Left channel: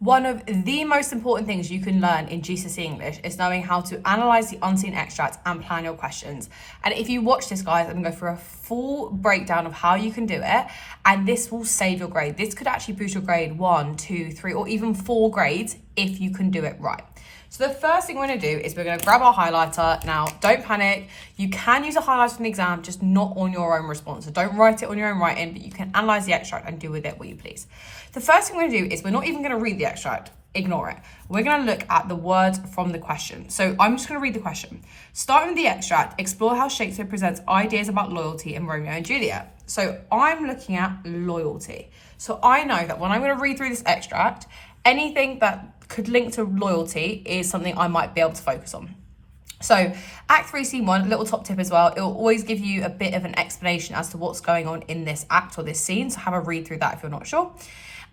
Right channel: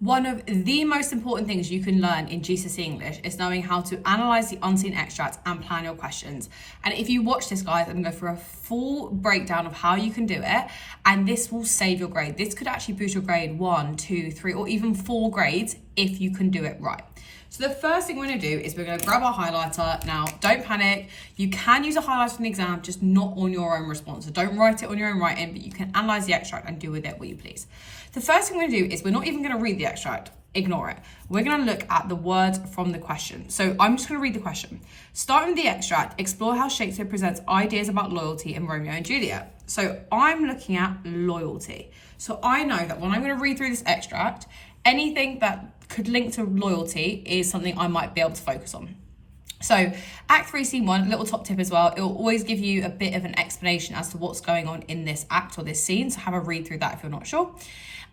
One of the most important things you can learn in GCSE English is knowing how to analyse the unseen extract and plan your questions. And if you watch this, guys, I'm going to go through a full breakdown of how you can do it, and this will save your grade. This could actually boost your grade 1, 2, 3, or even 4 grades if you can do it right. So the first thing we're going to do is we're going to grab our highlighter. Now, don't panic. You can use a highlighter in the exam, just not on your own response. So don't write it on your own writing, but you can analyse the extract and do with it what you please. The first thing we're going to do is we're not even going to read the extract. Ignore it. We're going to look at the words from the question. So I'm just going to read the question. Starting with the extract, explore how Shakespeare presents ideas about loyalty in Romeo and Juliet. So I'm looking at loyalty. So I know that when I'm going to read through this extract, anything that could link to loyalty is something I might be able to focus on. So Act 3, Scene 1, little top tip as well, it will always give you a bit of an explanation as to what's going on in this act or this scene. So have a read through that if you're not sure.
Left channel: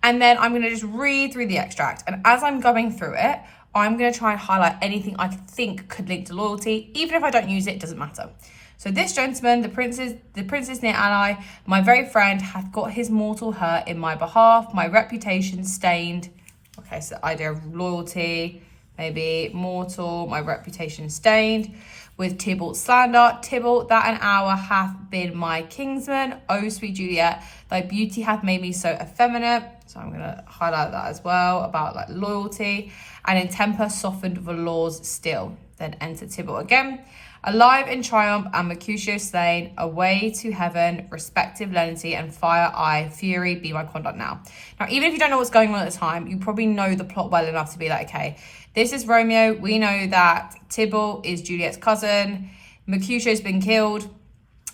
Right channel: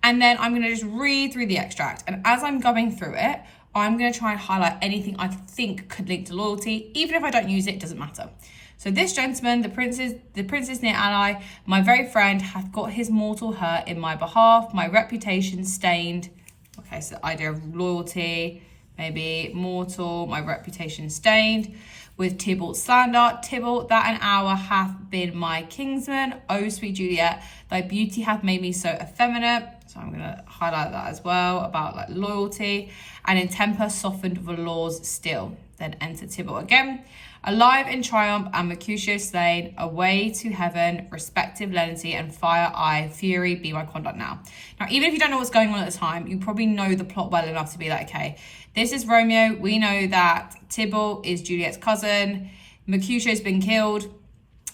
And then I'm going to just read through the extract. And as I'm going through it, I'm going to try and highlight anything I think could link to loyalty. Even if I don't use it, it doesn't matter. So this gentleman, the prince's near ally, my very friend, hath got his mortal hurt in my behalf, my reputation stained. Okay, so the idea of loyalty, maybe mortal, my reputation stained. With Tybalt's slander, Tybalt, that an hour hath been my kinsman. Oh, sweet Juliet, thy beauty hath made me so effeminate. So I'm going to highlight that as well, about like loyalty. And in temper softened the laws still. Then enter Tybalt again. Alive in triumph and Mercutio slain, away to heaven, respective lenity and fire eye, fury be my conduct now. Now, even if you don't know what's going on at the time, you probably know the plot well enough to be like, okay, this is Romeo. We know that Tybalt is Juliet's cousin. Mercutio's been killed,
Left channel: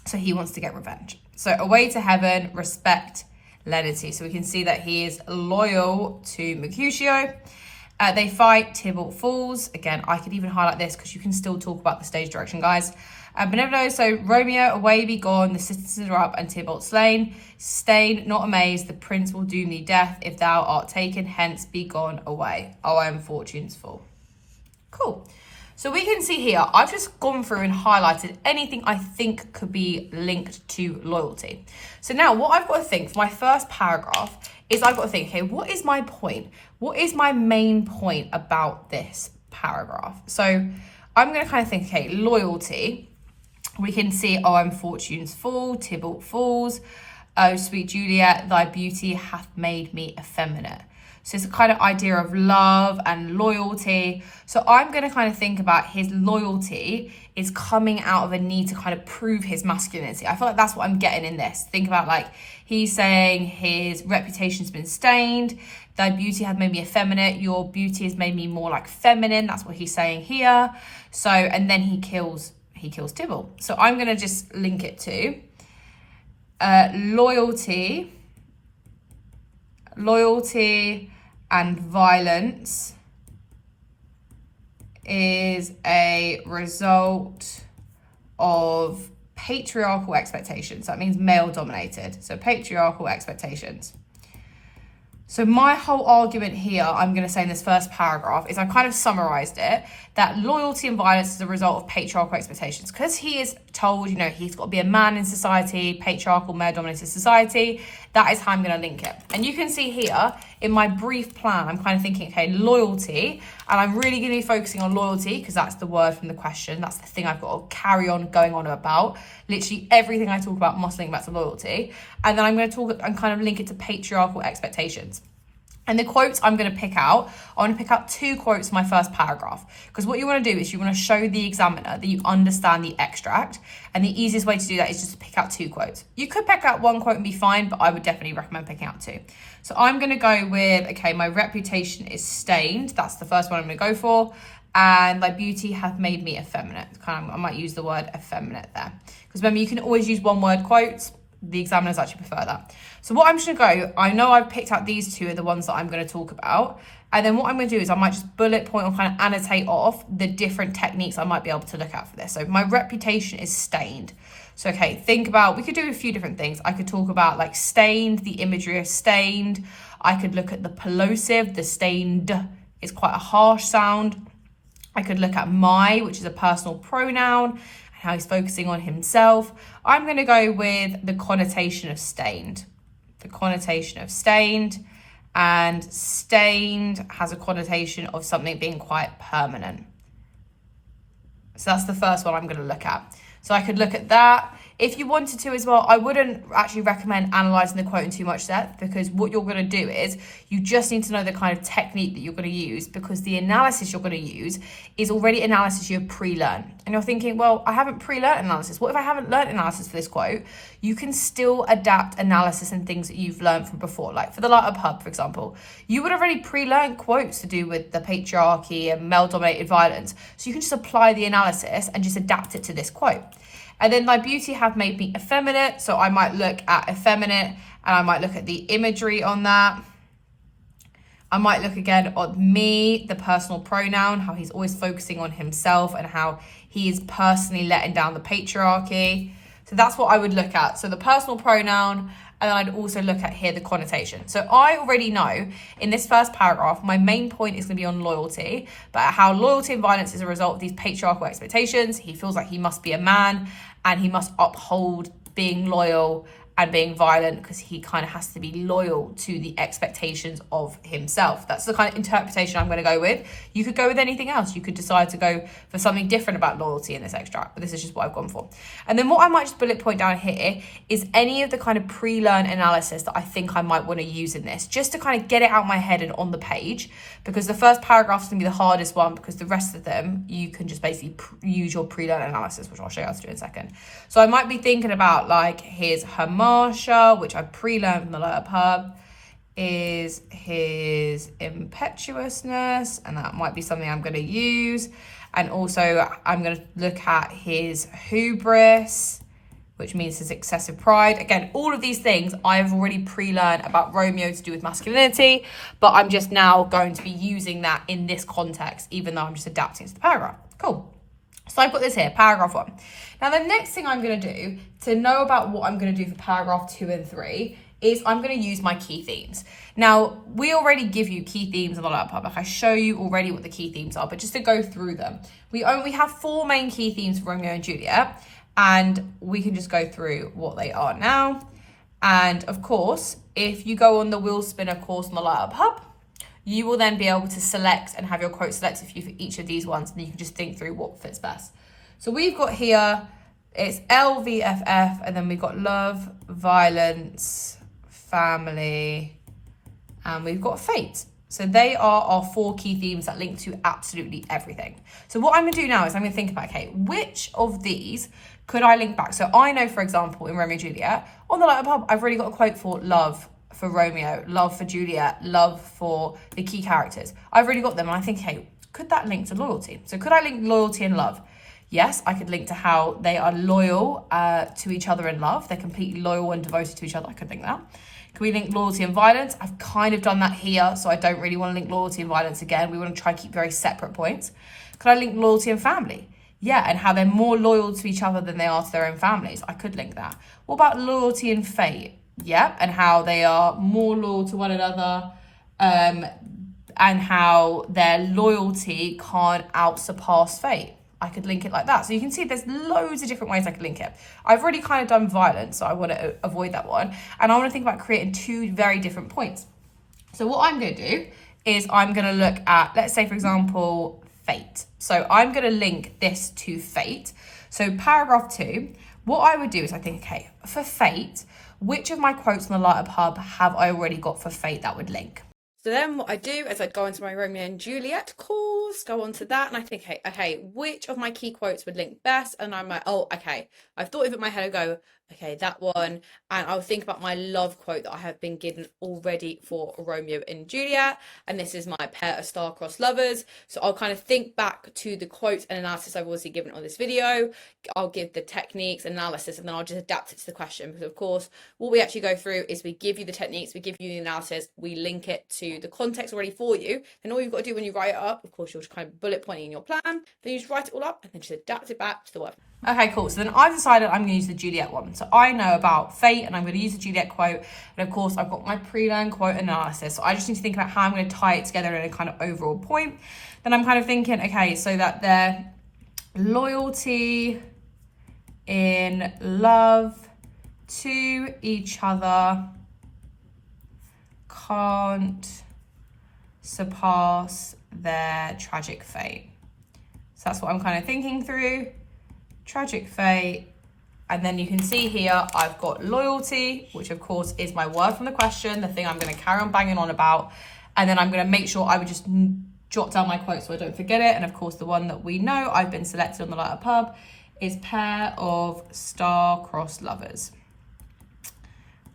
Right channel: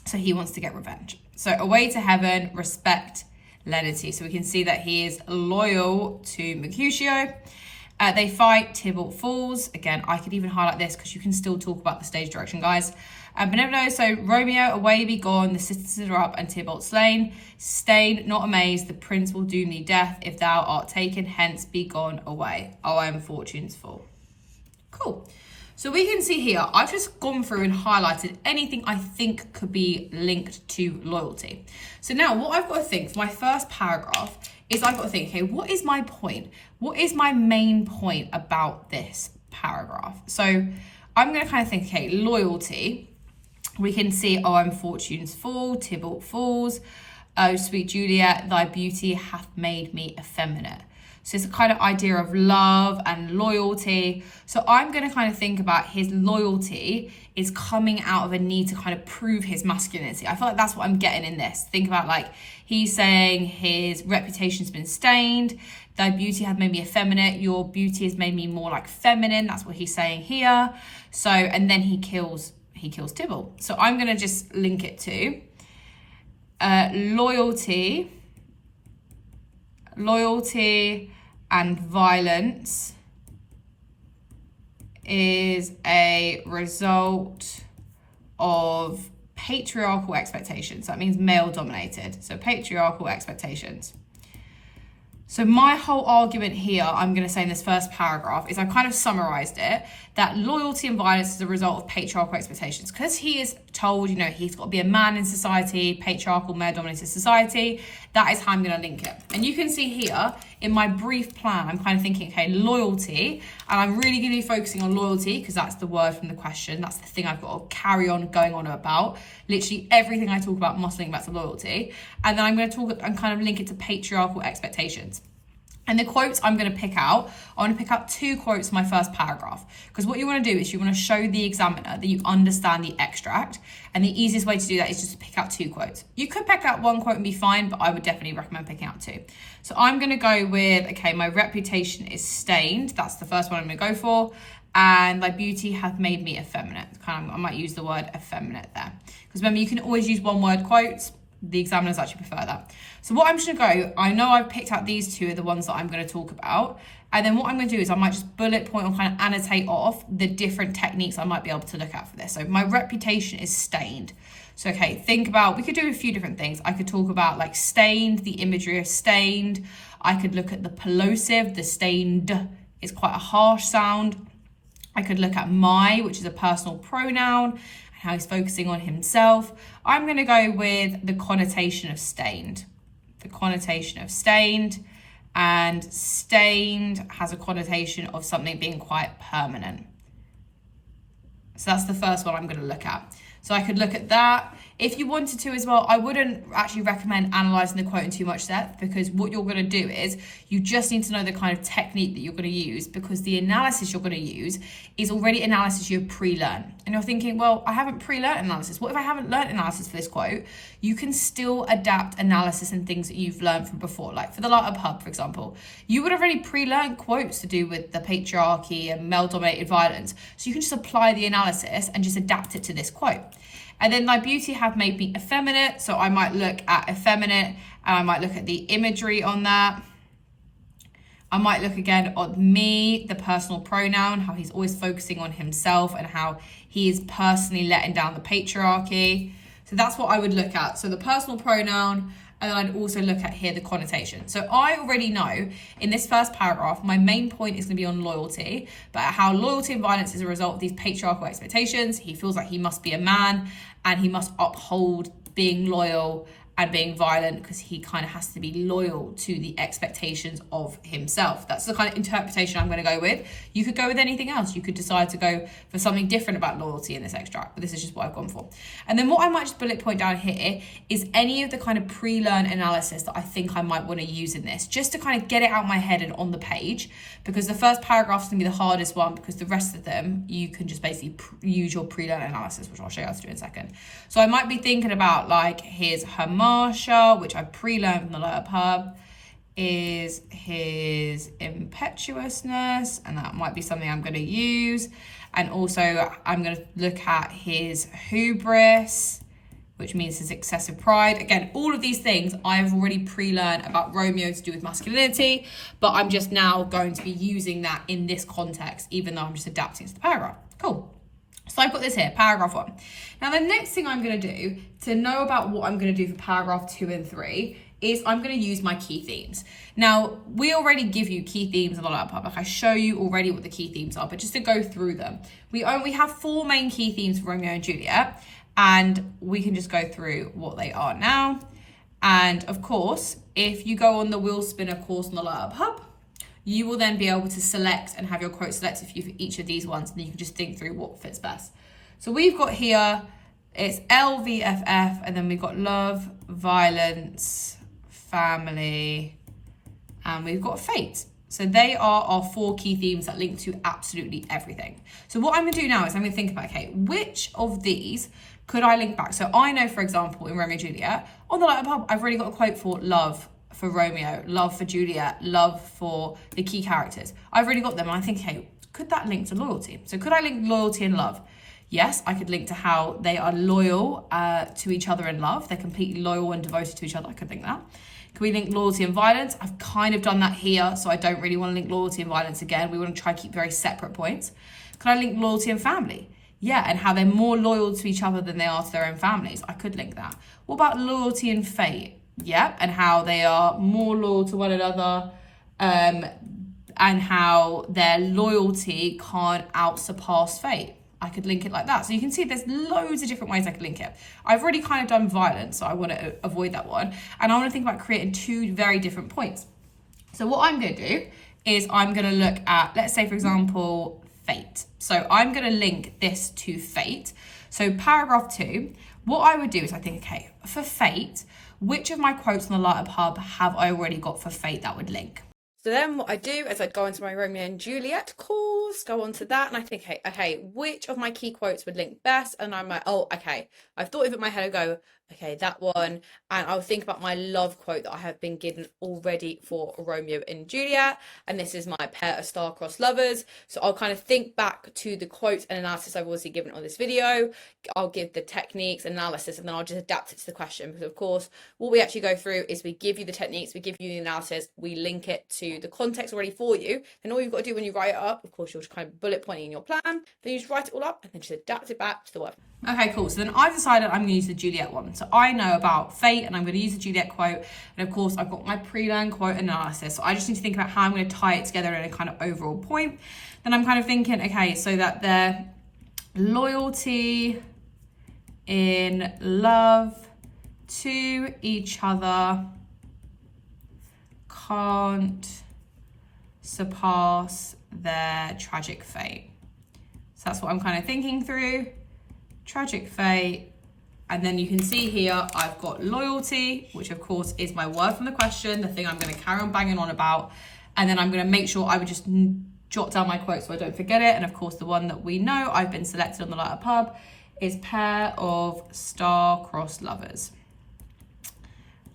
so he wants to get revenge. So away to heaven, respect lenity. So we can see that he is loyal to Mercutio. They fight, Tybalt falls. Again, I could even highlight this because you can still talk about the stage direction, guys. Benevolio, so Romeo, away be gone, the citizens are up and Tybalt slain. Stain, not amazed, the prince will doom thee death if thou art taken, hence be gone away. Oh, I am fortune's full. Cool. So we can see here, I've just gone through and highlighted anything I think could be linked to loyalty. So now what I've got to think for my first paragraph is I've got to think, okay, what is my point? What is my main point about this paragraph? So I'm going to kind of think, okay, loyalty. We can see, oh, I'm fortune's full, Tybalt falls. Oh, sweet Juliet, thy beauty hath made me effeminate. So it's a kind of idea of love and loyalty. So I'm going to kind of think about his loyalty is coming out of a need to kind of prove his masculinity. I feel like that's what I'm getting in this. Think about like he's saying his reputation's been stained. Thy beauty hath made me effeminate. Your beauty has made me more like feminine. That's what he's saying here. So, and then he kills Tybalt. So I'm going to just link it to loyalty and violence is a result of patriarchal expectations. That means male dominated. So patriarchal expectations. So my whole argument here, I'm going to say in this first paragraph, is I've kind of summarized it, that loyalty and violence is a result of patriarchal expectations. Because he is told, you know, he's got to be a man in society, patriarchal, male-dominated society. That is how I'm going to link it. And you can see here, in my brief plan, I'm kind of thinking, okay, loyalty. And I'm really going to be focusing on loyalty because that's the word from the question. That's the thing I've got to carry on going on about. Literally everything I talk about must link back to loyalty. And then I'm going to talk and kind of link it to patriarchal expectations. And the quotes I'm going to pick out, I want to pick out 2 quotes in my first paragraph. Because what you want to do is you want to show the examiner that you understand the extract. And the easiest way to do that is just to pick out 2 quotes. You could pick out 1 quote and be fine, but I would definitely recommend picking out 2. So I'm going to go with, okay, my reputation is stained. That's the first one I'm going to go for. And thy beauty hath made me effeminate. I might use the word effeminate there. Because remember, you can always use 1-word quotes. The examiners actually prefer that. So what I'm just going to go, I know I've picked out these 2 are the ones that I'm going to talk about. And then what I'm going to do is I might just bullet point or kind of annotate off the different techniques I might be able to look at for this. So my reputation is stained. So, okay, think about, we could do a few different things. I could talk about like stained, the imagery of stained. I could look at the plosive, the stained is quite a harsh sound. I could look at my, which is a personal pronoun, how he's focusing on himself. I'm going to go with the connotation of stained. The connotation of stained. And stained has a connotation of something being quite permanent. So that's the first one I'm going to look at. So I could look at that. If you wanted to as well, I wouldn't actually recommend analysing the quote in too much depth, because what you're going to do is you just need to know the kind of technique that you're going to use, because the analysis you're going to use is already analysis you've pre-learned. And you're thinking, well, I haven't pre-learned analysis. What if I haven't learned analysis for this quote? You can still adapt analysis and things that you've learned from before. Like for the Light Up Hub, for example, you would have already pre-learned quotes to do with the patriarchy and male-dominated violence. So you can just apply the analysis and just adapt it to this quote. And then thy beauty have made me effeminate. So I might look at effeminate and I might look at the imagery on that. I might look again on me, the personal pronoun, how he's always focusing on himself and how he is personally letting down the patriarchy. So that's what I would look at. So the personal pronoun, and then I'd also look at here the connotation. So I already know in this first paragraph, my main point is going to be on loyalty, but how loyalty and violence is a result of these patriarchal expectations. He feels like he must be a man and he must uphold being loyal and being violent because he kind of has to be loyal to the expectations of himself. That's the kind of interpretation I'm going to go with. You could go with anything else. You could decide to go for something different about loyalty in this extract, but this is just what I've gone for. And then what I might just bullet point down here is any of the kind of pre-learn analysis that I think I might want to use in this, just to kind of get it out my head and on the page, because the first paragraph is going to be the hardest one, because the rest of them, you can just basically use your pre-learn analysis, which I'll show you how to do in a second. So I might be thinking about like, here's her Marsha, which I pre-learned from the Light Up Hub, is his impetuousness, and that might be something I'm going to use. And also I'm going to look at his hubris, which means his excessive pride. Again, all of these things I've already pre-learned about Romeo to do with masculinity, but I'm just now going to be using that in this context, even though I'm just adapting it to the paragraph. Cool. So I put this here, paragraph 1. Now the next thing I'm going to do to know about what I'm going to do for paragraph 2 and 3 is I'm going to use my key themes. Now, we already give you key themes in the Light Up Hub. Like I show you already what the key themes are, but just to go through them. We have 4 main key themes for Romeo and Juliet, and we can just go through what they are now. And of course, if you go on the wheel spinner course on the Light Up Hub, you will then be able to select and have your quote selected for you for each of these ones, and you can just think through what fits best. So we've got here, it's LVFF, and then we've got love, violence, family, and we've got fate. So they are our 4 key themes that link to absolutely everything. So what I'm gonna do now is I'm gonna think about, okay, which of these could I link back? So I know, for example, in Romeo and Juliet, on the Light Up Hub, I've already got a quote for love for Romeo, love for Juliet, love for the key characters. I've already got them, and I think, hey, could that link to loyalty? So could I link loyalty and love? Yes, I could link to how they are loyal to each other in love. They're completely loyal and devoted to each other. I could think that. Can we link loyalty and violence? I've kind of done that here, so I don't really want to link loyalty and violence again. We want to try to keep very separate points. Could I link loyalty and family? Yeah, and how they're more loyal to each other than they are to their own families. I could link that. What about loyalty and fate? Yeah, and how they are more loyal to one another, and how their loyalty can't outsurpass fate. I could link it like that. So you can see there's loads of different ways I could link it. I've already kind of done violence, so I want to avoid that one. And I want to think about creating 2 very different points. So what I'm going to do is I'm going to look at, let's say, for example, fate. So I'm going to link this to fate. So paragraph 2, what I would do is I think, okay, for fate, which of my quotes on the Light Up Hub have I already got for fate that would link? So then what I do is I'd go into my Romeo and Juliet course, go on to that, and I think, hey, okay, which of my key quotes would link best? And I'm like, oh, okay, I've thought of it in my head, I go, okay, that one. And I'll think about my love quote that I have been given already for Romeo and Juliet. And this is my pair of star-crossed lovers. So I'll kind of think back to the quotes and analysis I've obviously given on this video. I'll give the techniques, analysis, and then I'll just adapt it to the question. Because of course, what we actually go through is we give you the techniques, we give you the analysis, we link it to the context already for you. And all you've got to do when you write it up, of course, you're just kind of bullet pointing in your plan. Then you just write it all up and then just adapt it back to the word. Okay, cool. So then I've decided I'm going to use the Juliet one. So I know about fate and I'm going to use the Juliet quote. And of course, I've got my pre-learned quote analysis. So I just need to think about how I'm going to tie it together in a kind of overall point. Then I'm kind of thinking, okay, so that their loyalty in love to each other can't surpass their tragic fate. So that's what I'm kind of thinking through. Tragic fate. And then you can see here, I've got loyalty, which of course is my word from the question, the thing I'm going to carry on banging on about. And then I'm going to make sure I would just jot down my quote so I don't forget it. And of course, the one that we know I've been selected on the Light Up Pub is pair of star-crossed lovers.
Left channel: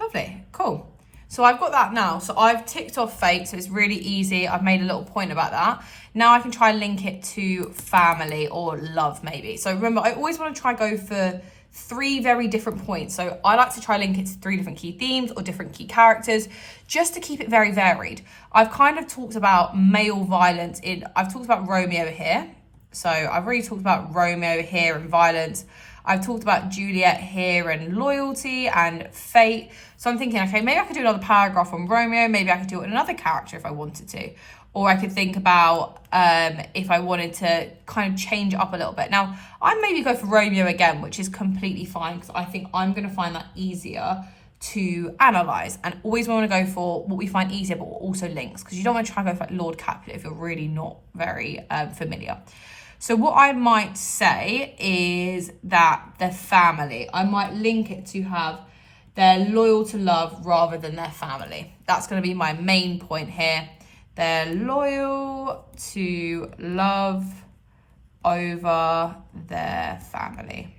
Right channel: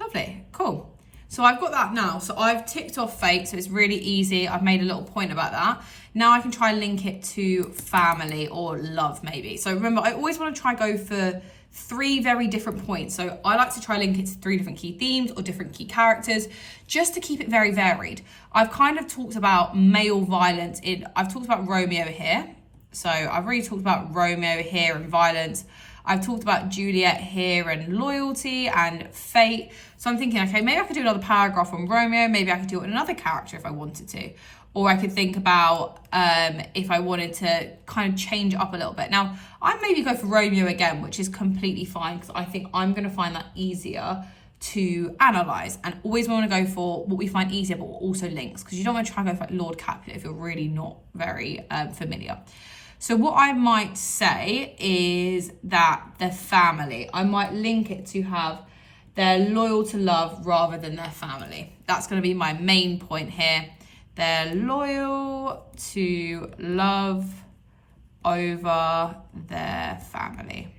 Lovely, cool. So I've got that now. So I've ticked off fate, so it's really easy. I've made a little point about that. Now I can try and link it to family or love maybe. So remember, I always want to try go for 3 very different points. So I like to try link it to 3 different key themes or different key characters, just to keep it very varied. I've kind of talked about male violence I've talked about Romeo here. So I've really talked about Romeo here and violence. I've talked about Juliet here and loyalty and fate. So I'm thinking, okay, maybe I could do another paragraph on Romeo. Maybe I could do it on another character if I wanted to. Or I could think about if I wanted to kind of change it up a little bit. Now, I maybe go for Romeo again, which is completely fine because I think I'm going to find that easier to analyse, and always want to go for what we find easier, but also links, because you don't want to try and go for like Lord Capulet if you're really not very familiar. So what I might say is that the family, I might link it to have they're loyal to love rather than their family. That's going to be my main point here. They're loyal to love over their family.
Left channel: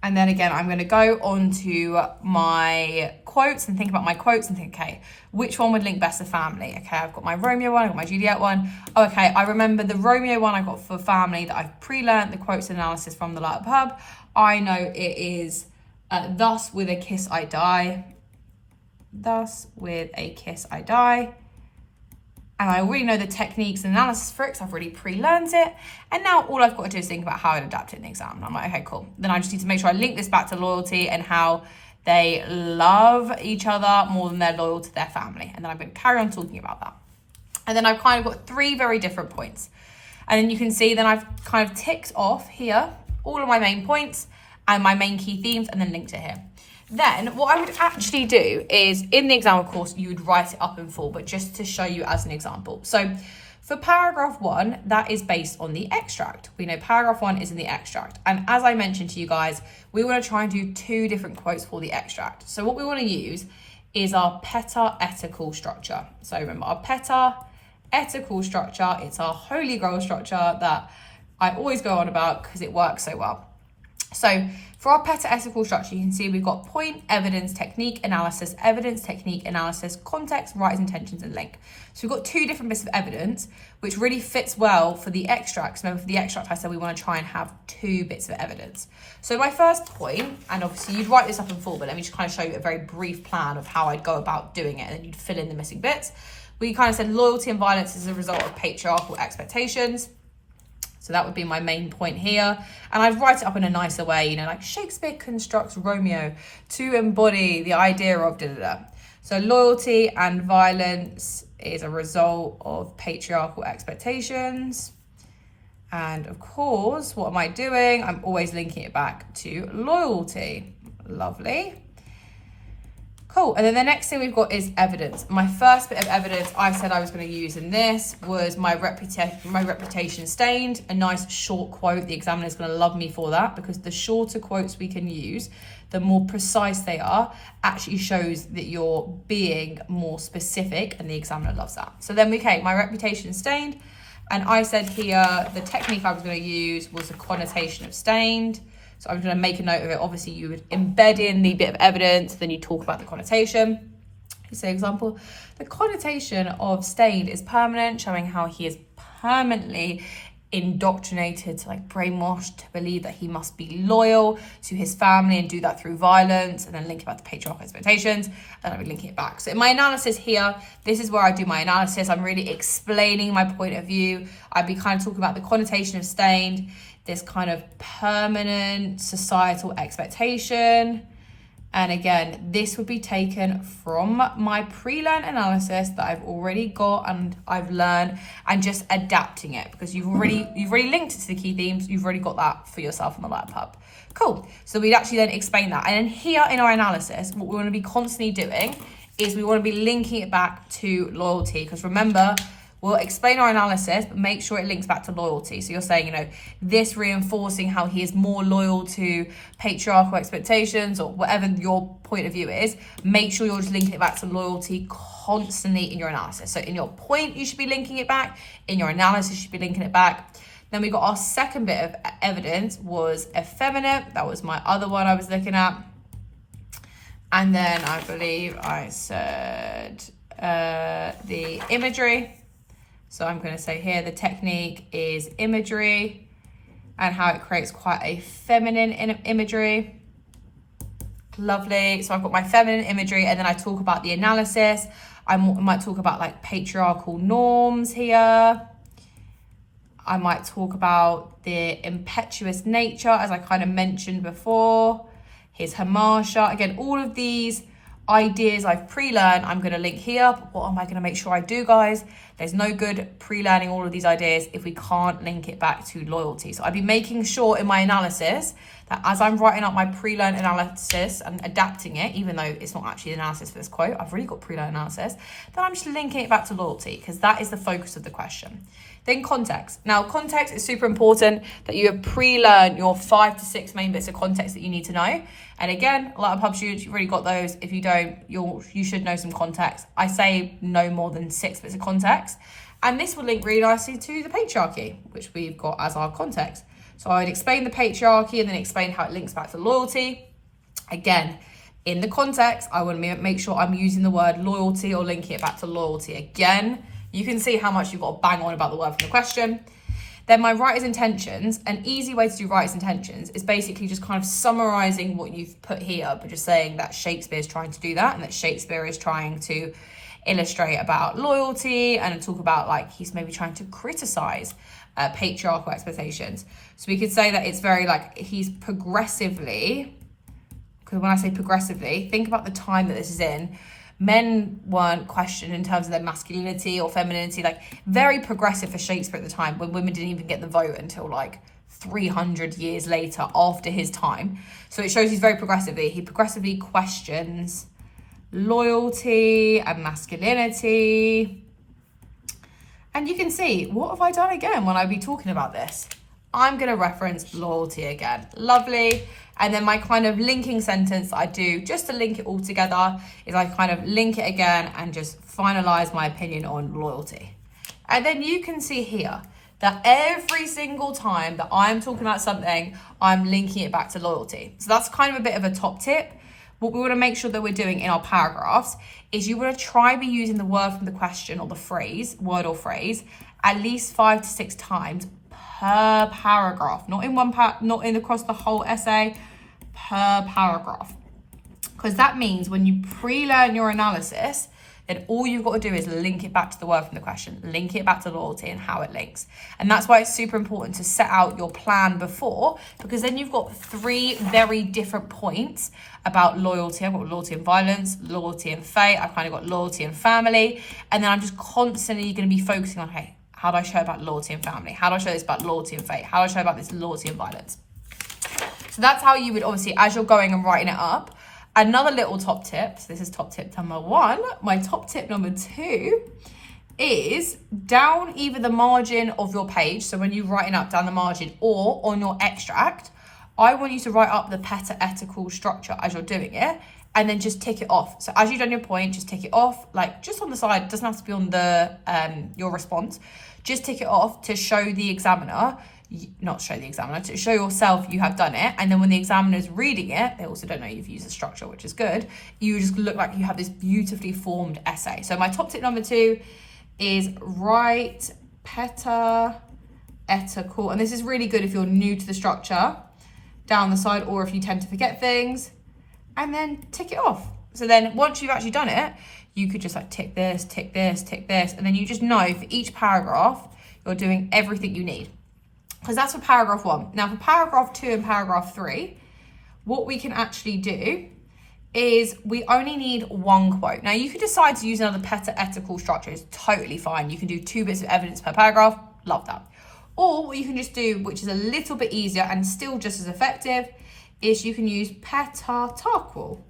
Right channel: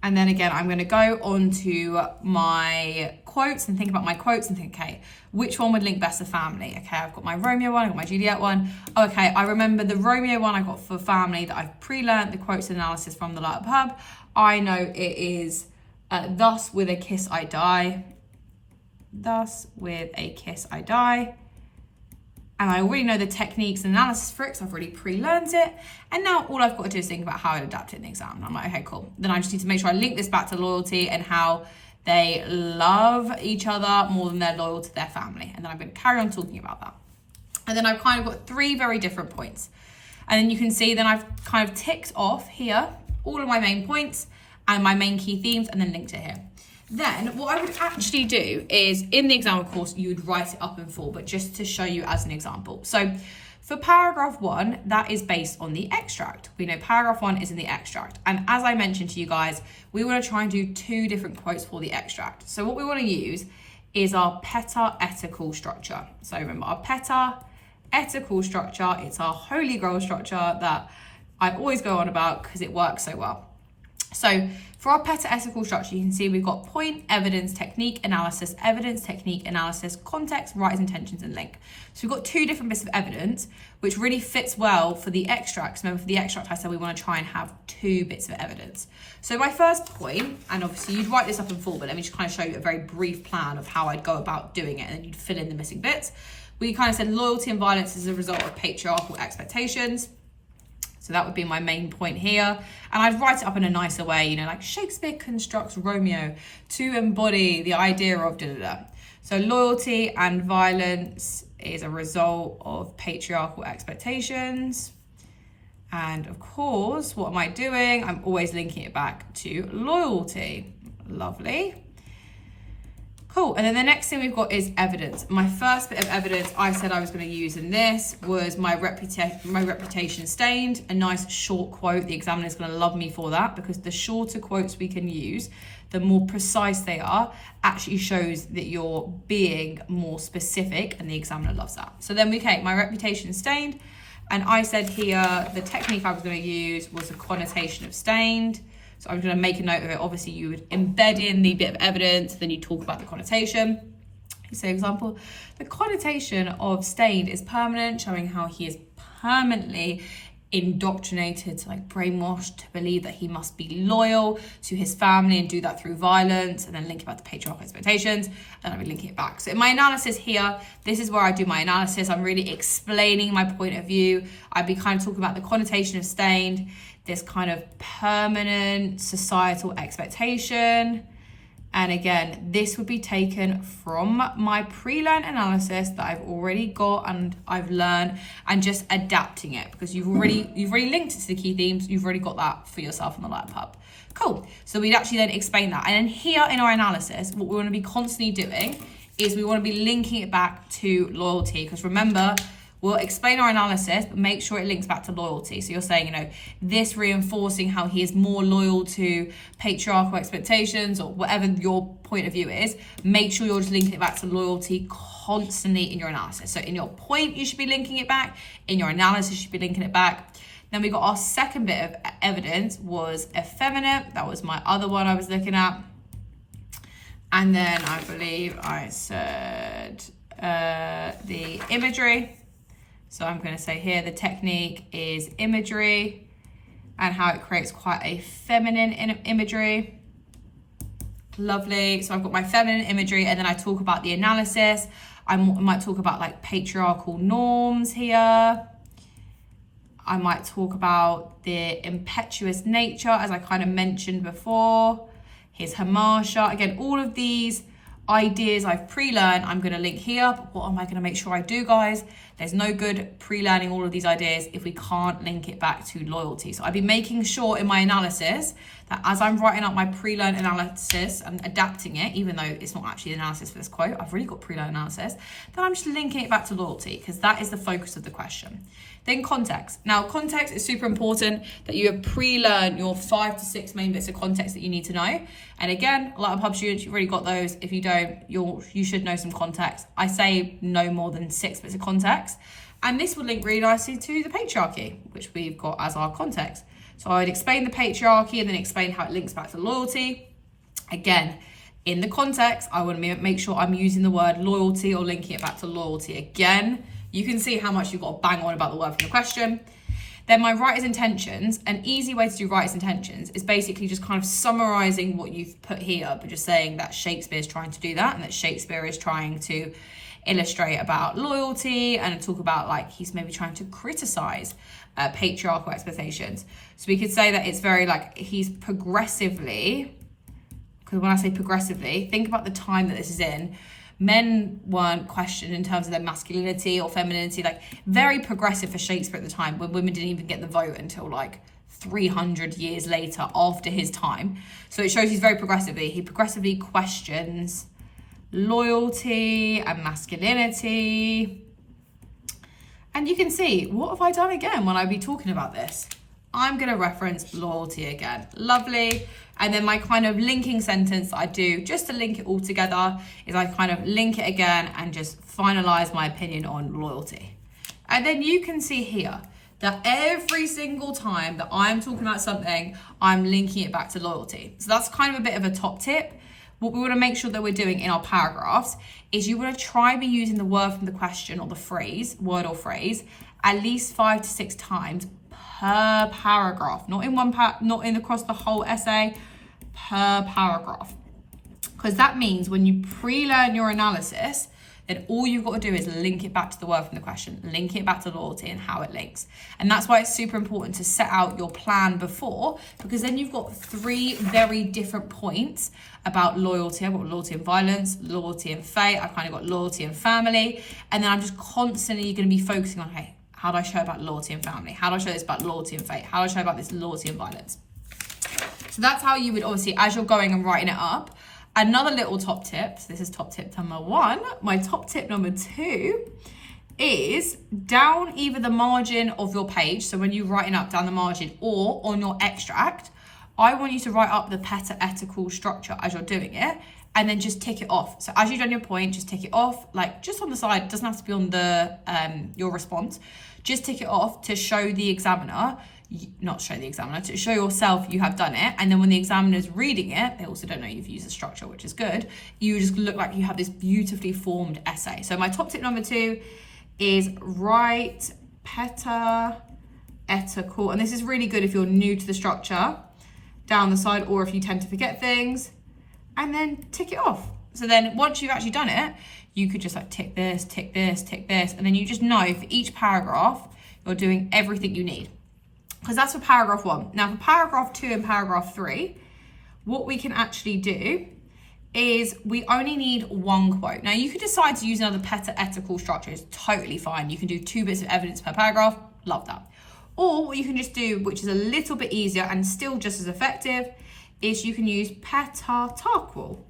And then again, I'm going to go on to my quotes and think about my quotes and think, okay, which one would link best to family? Okay, I've got my Romeo one, I've got my Juliet one. Oh, okay, I remember the Romeo one I got for family that I've pre-learned the quotes and analysis from the Light Up Hub. I know it is, thus with a kiss I die. Thus with a kiss I die. And I already know the techniques and analysis for it because I've already pre-learned it. And now all I've got to do is think about how I'd adapt it in the exam. And I'm like, okay, cool. Then I just need to make sure I link this back to loyalty and how they love each other more than they're loyal to their family. And then I'm going to carry on talking about that. And then I've kind of got 3 very different points. And then you can see then I've kind of ticked off here all of my main points and my main key themes and then linked it here. Then what I would actually do is, in the exam, of course, you would write it up in full, but just to show you as an example. So for paragraph 1, that is based on the extract. We know paragraph 1 is in the extract. And as I mentioned to you guys, we want to try and do 2 different quotes for the extract. So what we want to use is our peta-etical structure. So remember, our peta-etical structure, it's our holy grail structure that I always go on about because it works so well. So for our peta-etical structure, you can see we've got point, evidence, technique, analysis, context, writer's intentions, and link. So we've got 2 different bits of evidence, which really fits well for the extracts. Remember, for the extract, I said we want to try and have 2 bits of evidence. So my first point, and obviously you'd write this up in full, but let me just kind of show you a very brief plan of how I'd go about doing it, and then you'd fill in the missing bits. We kind of said loyalty and violence is a result of patriarchal expectations. So that would be my main point here. And I'd write it up in a nicer way, you know, like Shakespeare constructs Romeo to embody the idea of da-da-da. So loyalty and violence is a result of patriarchal expectations. And of course, what am I doing? I'm always linking it back to loyalty. Lovely. Cool, and then the next thing we've got is evidence. My first bit of evidence I said I was going to use in this was my reputation stained, a nice short quote. The examiner's going to love me for that because the shorter quotes we can use, the more precise they are, actually shows that you're being more specific, and the examiner loves that. So then my reputation stained, and I said here the technique I was going to use was the connotation of stained. So I'm going to make a note of it. Obviously, you would embed in the bit of evidence, then you talk about the connotation. So example, the connotation of stained is permanent, showing how he is permanently indoctrinated, to like brainwashed to believe that he must be loyal to his family and do that through violence, and then link about the patriarchal expectations, and I'll be linking it back. So in my analysis here, this is where I do my analysis. I'm really explaining my point of view. I'd be kind of talking about the connotation of stained, this kind of permanent societal expectation. And again, this would be taken from my pre-learned analysis that I've already got and I've learned, and just adapting it because you've already linked it to the key themes. You've already got that for yourself on the Light Up Hub. Cool. So we'd actually then explain that. And then here in our analysis, what we want to be constantly doing is we want to be linking it back to loyalty, because remember, we'll explain our analysis, but make sure it links back to loyalty. So you're saying, you know, this reinforcing how he is more loyal to patriarchal expectations or whatever your point of view is. Make sure you're just linking it back to loyalty constantly in your analysis. So in your point, you should be linking it back. In your analysis, you should be linking it back. Then we got our second bit of evidence was effeminate. That was my other one I was looking at. And then I believe I said the imagery. So I'm going to say here the technique is imagery and how it creates quite a feminine imagery. Lovely. So I've got my feminine imagery, and then I talk about the analysis. I might talk about like patriarchal norms here. I might talk about the impetuous nature, as I kind of mentioned before. His hamasha. Again, all of these ideas I've pre-learned, I'm going to link here. But what am I going to make sure I do, guys? There's no good pre-learning all of these ideas if we can't link it back to loyalty. So I'd be making sure in my analysis that as I'm writing up my pre-learned analysis and adapting it, even though it's not actually the analysis for this quote, I've really got pre-learned analysis, then I'm just linking it back to loyalty, because that is the focus of the question. Then context. Now, context is super important, that you have pre-learned your 5 to 6 main bits of context that you need to know. And again, a lot of pub students, you've already got those. If you don't, you should know some context. I say no more than 6 bits of context. And this will link really nicely to the patriarchy, which we've got as our context. So I would explain the patriarchy and then explain how it links back to loyalty. Again, in the context, I want to make sure I'm using the word loyalty or linking it back to loyalty. Again, you can see how much you've got to bang on about the word from the question. Then my writer's intentions, an easy way to do writer's intentions is basically just kind of summarizing what you've put here, but just saying that Shakespeare's trying to do that, and that Shakespeare is trying to illustrate about loyalty and talk about like he's maybe trying to criticize patriarchal expectations. So we could say that it's very like he's progressively, because when I say progressively, think about the time that this is in. Men weren't questioned in terms of their masculinity or femininity, like very progressive for Shakespeare at the time, when women didn't even get the vote until like 300 years later after his time. So it shows he's very progressively. He progressively questions loyalty and masculinity. And you can see, what have I done again when I be talking about this? I'm going to reference loyalty again. Lovely. And then my kind of linking sentence that I do just to link it all together is I kind of link it again and just finalize my opinion on loyalty. And then you can see here that every single time that I'm talking about something, I'm linking it back to loyalty. So that's kind of a bit of a top tip. What we want to make sure that we're doing in our paragraphs is you want to try be using the word from the question or the phrase, word or phrase, at least 5 to 6 times per paragraph, not in one not in across the whole essay, per paragraph. Because that means when you pre-learn your analysis, then all you've got to do is link it back to the word from the question, link it back to loyalty and how it links. And that's why it's super important to set out your plan before, because then you've got 3 very different points about loyalty. I've got loyalty and violence, loyalty and fate. I've kind of got loyalty and family. And then I'm just constantly going to be focusing on, hey, how do I show about loyalty and family? How do I show this about loyalty and fate? How do I show about this loyalty and violence? So that's how you would obviously, as you're going and writing it up. Another little top tip, so this is top tip number 1. My top tip number 2 is down either the margin of your page, so when you're writing up down the margin, or on your extract, I want you to write up the peta-etical structure as you're doing it, and then just tick it off. So as you've done your point, just tick it off, like just on the side. It doesn't have to be on the your response. Just tick it off to show the examiner, not show the examiner, to show yourself you have done it. And then when the examiner's reading it, they also don't know you've used a structure, which is good. You just look like you have this beautifully formed essay. So my top tip number 2 is write peta-etical. And this is really good if you're new to the structure, down the side, or if you tend to forget things, and then tick it off. So then once you've actually done it, you could just like tick this, tick this, tick this. And then you just know for each paragraph, you're doing everything you need. Because that's for paragraph 1. Now for paragraph 2 and paragraph 3, what we can actually do is we only need 1 quote. Now you could decide to use another peta-etical structure. It's totally fine. You can do 2 bits of evidence per paragraph. Love that. Or what you can just do, which is a little bit easier and still just as effective, is you can use peta-tarqual,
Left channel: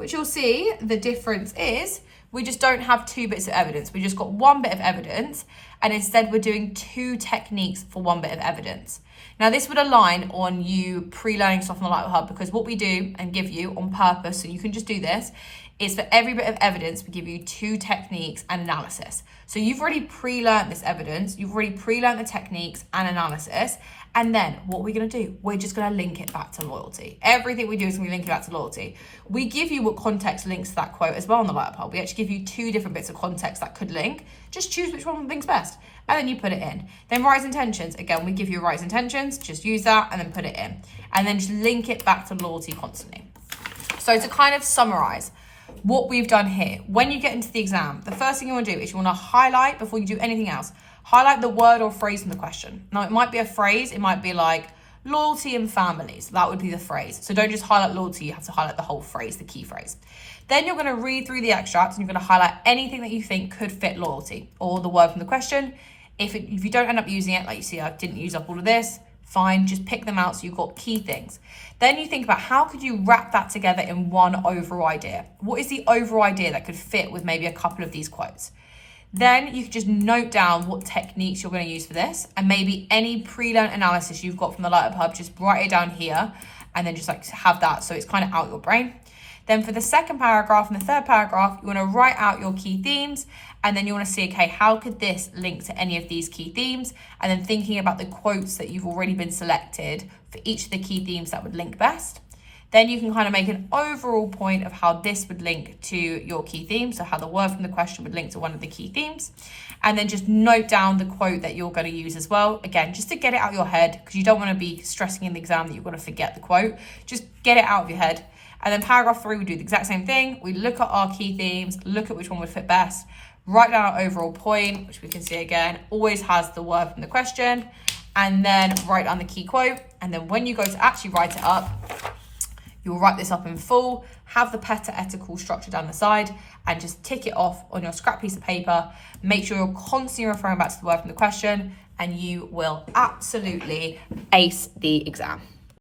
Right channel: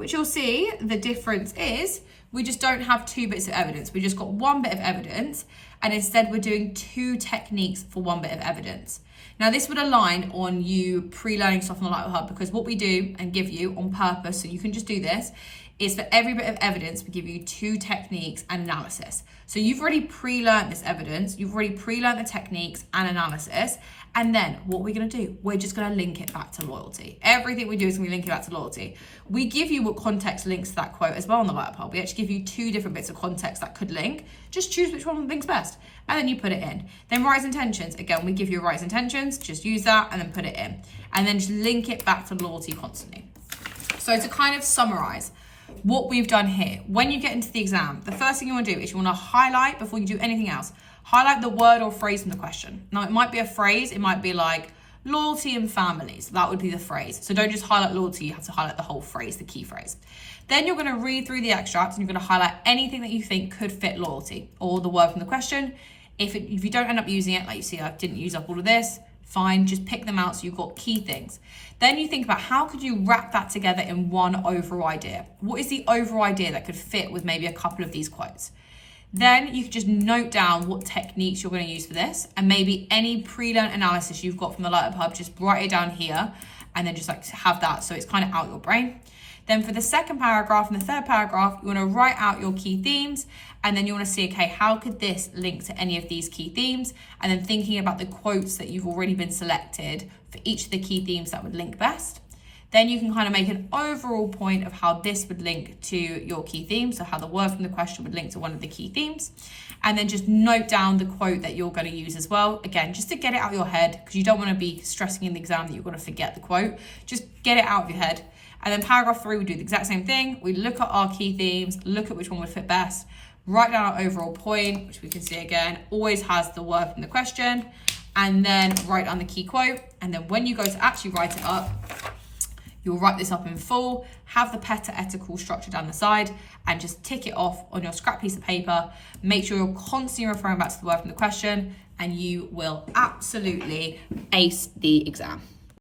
which you'll see the difference is we just don't have 2 bits of evidence. We just got 1 bit of evidence, and instead we're doing 2 techniques for 1 bit of evidence. Now this would align on you pre-learning stuff on the Light Hub, because what we do and give you on purpose, so you can just do this, is for every bit of evidence, we give you 2 techniques and analysis. So you've already pre-learned this evidence, you've already pre-learned the techniques and analysis, and then what we're gonna do, we're just gonna link it back to loyalty. Everything we do is gonna be linking back to loyalty. We give you what context links to that quote as well on the Light Hub. We actually give you 2 different bits of context that could link. Just choose which one links best, and then you put it in. Then rise intentions, again, we give you rise intentions, just use that and then put it in. And then just link it back to loyalty constantly. So to kind of summarize, what we've done here, when you get into the exam, the first thing you want to do is you want to highlight, before you do anything else, highlight the word or phrase in the question. Now it might be a phrase, it might be like loyalty and families, that would be the phrase. So don't just highlight loyalty, you have to highlight the whole phrase, the key phrase. Then you're going to read through the extract and you're going to highlight anything that you think could fit loyalty or the word from the question. If you don't end up using it, like you see I didn't use up all of this, fine, just pick them out so you've got key things. Then you think about how could you wrap that together in one overall idea? What is the overall idea that could fit with maybe a couple of these quotes? Then you could just note down what techniques you're going to use for this, and maybe any pre-learned analysis you've got from the Light Hub, just write it down here and then just like have that so it's kind of out your brain. Then for the second paragraph and the third paragraph, you want to write out your key themes, and then you want to see, okay, how could this link to any of these key themes? And then thinking about the quotes that you've already been selected for each of the key themes that would link best. Then you can kind of make an overall point of how this would link to your key themes, so how the word from the question would link to one of the key themes. And then just note down the quote that you're going to use as well. Again, just to get it out of your head, because you don't want to be stressing in the exam that you're going to forget the quote. Just get it out of your head. And then paragraph 3, we do the exact same thing. We look at our key themes, look at which one would fit best, write down our overall point, which we can see again, always has the word from the question, and then write down the key quote. And then when you go to actually write it up, you'll write this up in full, have the parenthetical structure down the side, and just tick it off on your scrap piece of paper. Make sure you're constantly referring back to the word from the question, and you will absolutely ace the exam.